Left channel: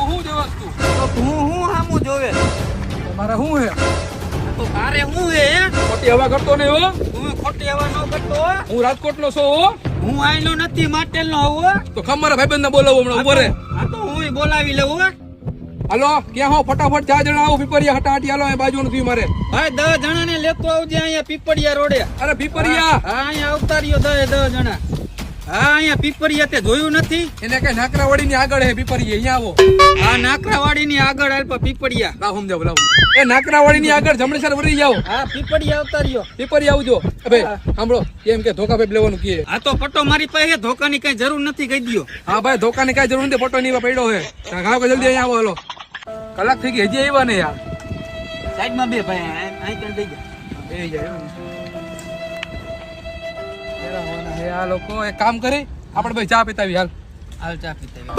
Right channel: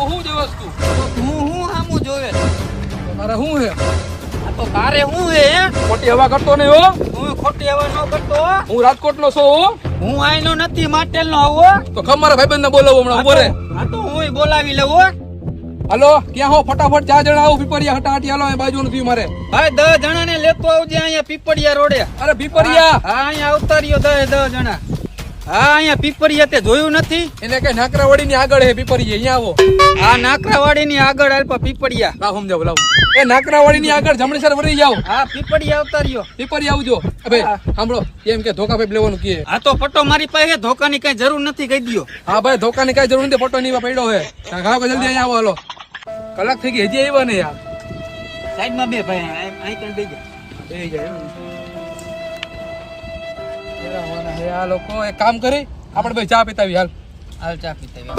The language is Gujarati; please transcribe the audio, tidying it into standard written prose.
તું શું જોવસ તું? તો તું હું હામું જોવે? મારે શું હે? આ તો તારે હું હે હે? ખોટી હવા કરતો નહીં હો. હું ખોટી હવા ન કરતો હો. હું રાજકોટ નો છું હો. હું આઈનો નથી માટેલ નો આવો. તો ખમ મારા ભાઈબંધ ને બોલાવો હમણાં ઉભો રે. આ તો હું બોલાવી લઉં હો. હાલો ક્યાં હો? ફટાફટ 4 જણા આવો પીપરિયા હટાહટી હાલો. અહીં બાજુ નથી મારે. ભાઈ 10 જણાને લેતો આવજે અહીંયા પીપળિયા રોડે. અરે પીપરિયા હા અહીંયા આવતા રહ્યો 10 જણા. હા અહીંયા પીપળિયા તે જોયું નથી? એને કઈ નાકરાવાડી ની આગળ હે પીપરિયા. અહીંયા આવો. આ નાકરાવાડી ની આગળ આલ્પા પીપળિયા. લાવ સમજાવ લાવ. એ નાકરાવાડી ની આગળ જમણેસર વળી જાવ. હા પીપળિયા આવતા રહ્યો. પીપરિયા આવજો. ભાઈ સાંભળો એમ કે ધોકા ભાઈ લેવાનું કે. આ તો પટ્ટો મારી પાસે ધોકાની કઈ જરૂર નથી કહી દયો. હા ભાઈ ધોકાની કઈ જરૂર નથી. ફોટો ની પડ્યો હે. ઘાવ જલ્દી અહીંયા આવો. હાલો કલાક થઈ ગઈ હજી આવ્યા ને યાર. સાઈડમાં બે ભાઈ અહીં કઈ દઈ ગયા. બે જાય આ લોકો એક કામ કરી આપણે ભાઈ ચા પીતાવી હાલ. હાલ ચા પીતા